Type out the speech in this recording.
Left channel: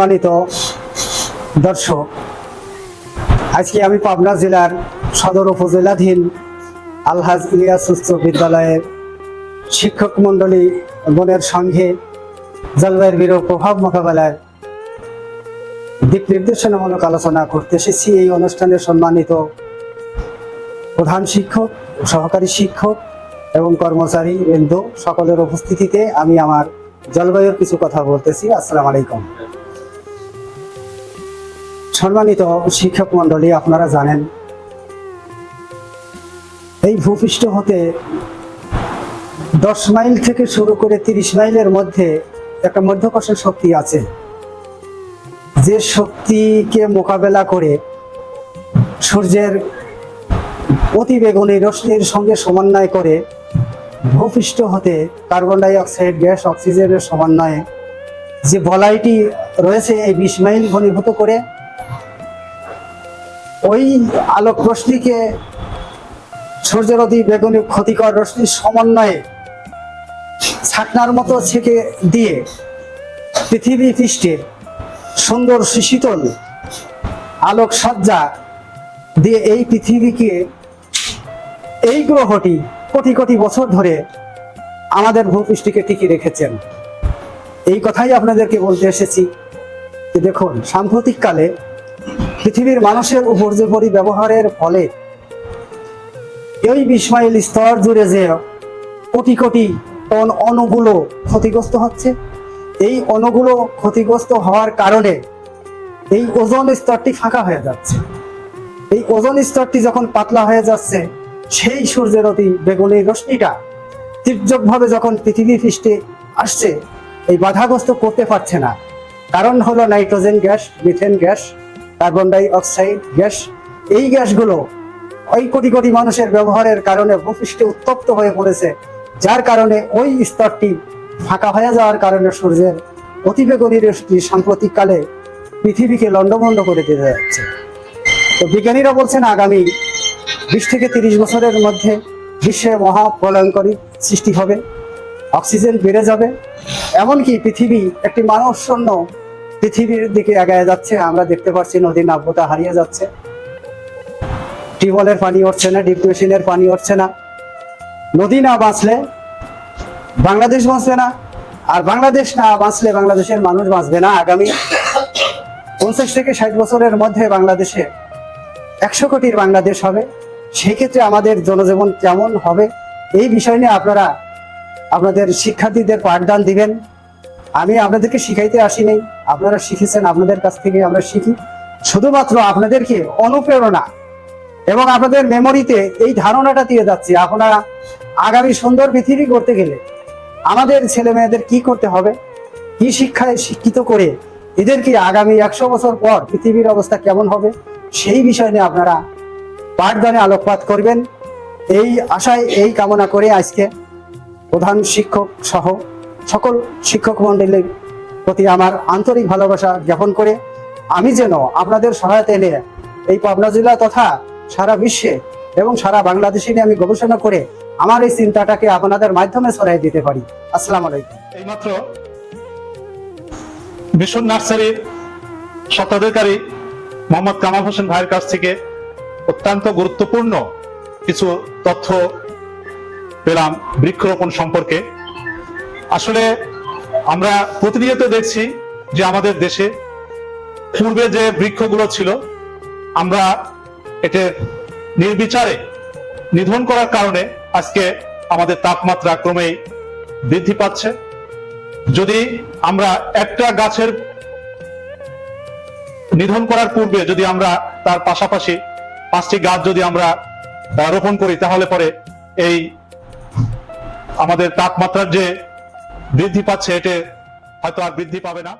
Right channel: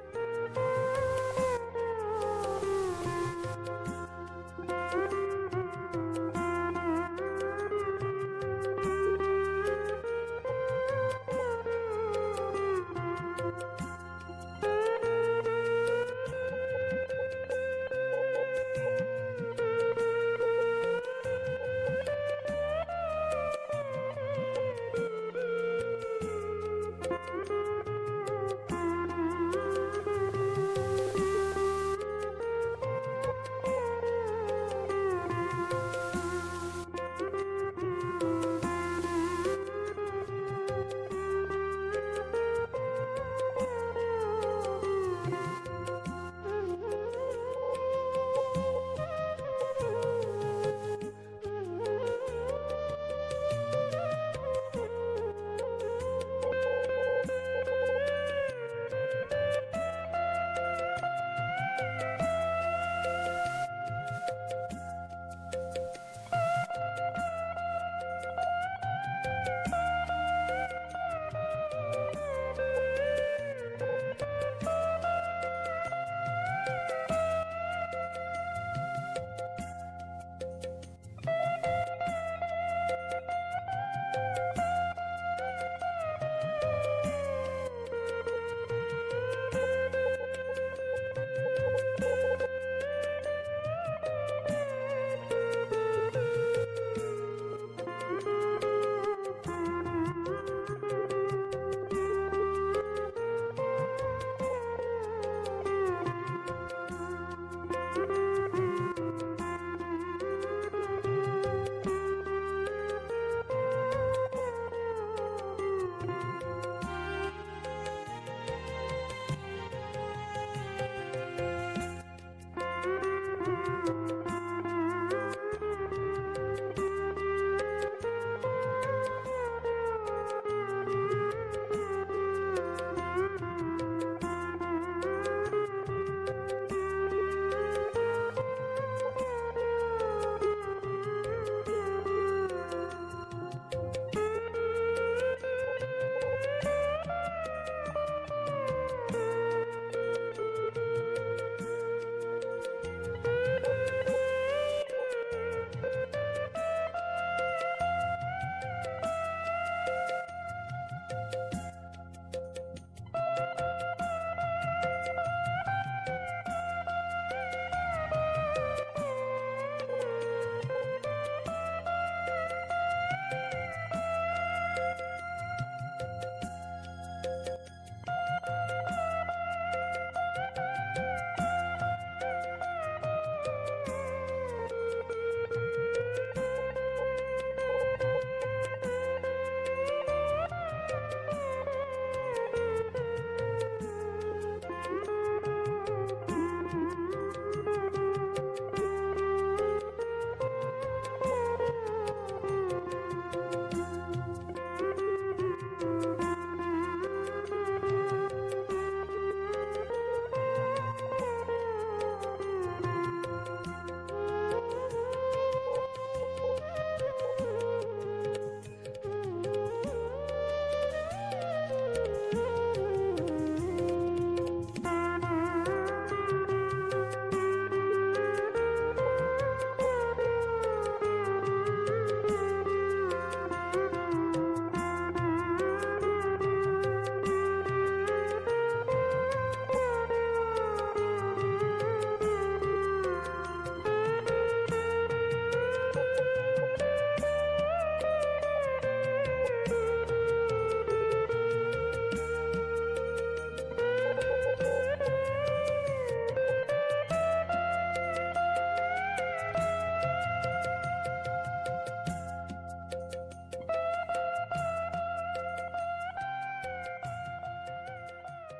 সম্মানিত দর্শক, আজকে আমি পাবনা জেলার সদর উপজেলাধীন আলহাজ ইলিয়াস উচ্চ বিদ্যালয়ের শিক্ষক মন্ডলী গণের সঙ্গে জলবায়ুর বিরূপ প্রভাব মোকাবেলায় দিক নির্দেশনামূলক আলোচনা করতে এসেছি। এই অনুষ্ঠানে সম্মানিত প্রধান শিক্ষক, সহকারী শিক্ষক এবং কর্মচারী বৃন্দ সকলের উপস্থিতিতে আমি আমার জলবায়ুর কিছু কথা বলতেছি। আসসালামু আলাইকুম। সম্মানিত শিক্ষক মন্ডলী, আপনারা জানেন এই ভূপৃষ্ঠ হতে 10 মাইল থেকে শুরু করে 30 মাইলের মধ্যে একটা মধ্যাকর্ষণ শক্তি আছে, যে শক্তিকে মোকাবেলা করে সূর্যের অতিবেগুনি রশ্মির সঙ্গে সমন্বয় করে ভূপৃষ্ঠ হতে কার্বন ডাই অক্সাইড গ্যাস অক্সিজেনের সমন্বয়ে যে বলয়টি রয়েছে এই 20 মাইল ঘনীভূত করে ওই আলোক রশ্মিকে সূর্যের অতি বেগুনি ক্ষতিকর রশ্মির সমন্বয়ে ছাকনার মতো ছেঁকে দিয়ে পৃথিবী পৃষ্ঠে সুন্দর শীতল আলোক সজ্জা দিয়ে এই পৃথিবীকে, এই গ্রহটি কোটি কোটি বছর ধরে আমাদের ভূপৃষ্ঠকে টিকিয়ে রেখেছেন। এই কথাই আপনাদেরকে বলতে এসেছি যে দেখুন, সাম্প্রতিককালে পৃথিবীর মানুষের উপর্যুপরি ব্যবহারের ফলে এই 20 মাইল স্তর জুড়ে যে কোটি কোটি টন অণুগুলো ক্ষতিগ্রস্ত হচ্ছে, এই অণুগুলো ক্ষতিগ্রস্ত হওয়ার কারণে এই ওজোন স্তরটি ফাঁকা হয়ে যাচ্ছে। এই ওজোন স্তরটি যখন পাতলা হয়ে যাচ্ছে, সেই সূর্যের অতি বেগুনি রশ্মিটা তীর্যকভাবে যখন পৃথিবী পৃষ্ঠে আসছে, এই বাধাগ্রস্ত করতে পারছে না। কারণ হলো nitrogen gas, methane gas, carbon ডাই অক্সাইড গ্যাস। এই গ্যাসগুলো ওই কোটি কোটি মানুষের ব্যবহারের কারণে ভূপৃষ্ঠে উত্তপ্ত হয়ে পড়েছে, যার কারণে ওই স্তরটি ফাঁকা হয়ে যাওয়ার কারণে সূর্যের অতিবেগুনি রশ্মি সাম্প্রতিককালে পৃথিবীকে লণ্ডভণ্ড করে দিতে যাচ্ছে। তো বিজ্ঞানীরা বলছেন আগামী 20 থেকে 30 বছরের মধ্যে বিশ্বে মহাপ্রলয়ঙ্করী সৃষ্টি হবে, অক্সিজেন বেড়ে যাবে, এমনকি পৃথিবী একটি মানব শূন্য পৃথিবীর দিকে এগিয়ে যাচ্ছে। আমরা দেখতে পাচ্ছি নদীর নাব্যতা হারিয়ে যাচ্ছে, টিউবওয়েলের পানি উঠছে না, ডিপ মেশিনের পানি উঠছে না। নদী না বাঁচলে বাংলাদেশ বাঁচবে না, আর বাংলাদেশ না বাঁচলে বাংলাদেশের মানুষ বাঁচবে না। আগামী 50 থেকে 60 বছরের মধ্যে বাংলাদেশে 100 কোটির বাংলাদেশ হবে। সেই ক্ষেত্রে আমাদের জনজীবন কেমন হবে, এই বিষয় নিয়ে আপনারা আপনাদের শিক্ষার্থীদের পাঠদান দিবেন। আমি আপনাদেরকে শিখাইতে আসিনি, আপনারা শিখেছেন, আপনাদের কাছ থেকে আমরা শিখি। শুধুমাত্র আপনাদেরকে অনুপ্রেরণা এবং আপনাদের মেমোরিতে এই ধারণাটা দিয়ে যাচ্ছি, আপনারা আগামী সুন্দর পৃথিবী করতে গেলে আমাদের ছেলে মেয়েদের কি করতে হবে, কি শিক্ষায় শিক্ষিত করে এদেরকে আগামী 100 বছর পর পৃথিবীর অবস্থা কেমন হবে, সেই বিষয় নিয়ে আপনারা পাঠদানে আলোকপাত করবেন। এই আশায়, এই কামনা করে আজকে প্রধান শিক্ষক সহ সকল শিক্ষক মণ্ডলীর প্রতি আমার আন্তরিক ভালোবাসা জ্ঞাপন করে আমি যেন আপনাদের সহায়তা এনে এই পাবনা জেলা তথা সারা বিশ্বে এবং সারা বাংলাদেশে নিয়ে আমি গবেষণা করে আমার এই চিন্তাটাকে আপনাদের মাধ্যমে ছড়াই দিতে পারি। আসসালামু আলাইকুম। এইমাত্র মিশন নার্সারির স্বত্বাধিকারী মোহাম্মদ কামাল হোসেন ভাইয়ের কাছ থেকে অত্যন্ত গুরুত্বপূর্ণ কিছু তথ্য পেলাম বৃক্ষরোপণ সম্পর্কে। আসলে আমরা প্রতিনিয়ত দেখছি যে আমাদের দেশে পূর্বে যে বৃক্ষগুলো ছিল, আমরা এটা নির্বিচারে নিধন করার কারণে আজকে আমাদের তাপমাত্রা ক্রমেই বৃদ্ধি পাচ্ছে। যদি আমরা একটা গাছের নিধন করার পূর্বে যদি আমরা তার পাশাপাশি 5টি গাছ যদি আমরা রোপণ করি, তাহলে পরে এই আমাদের তাপমাত্রার যে বৃদ্ধি পাচ্ছে, এটা হয়তো আর বৃদ্ধি পাবে না।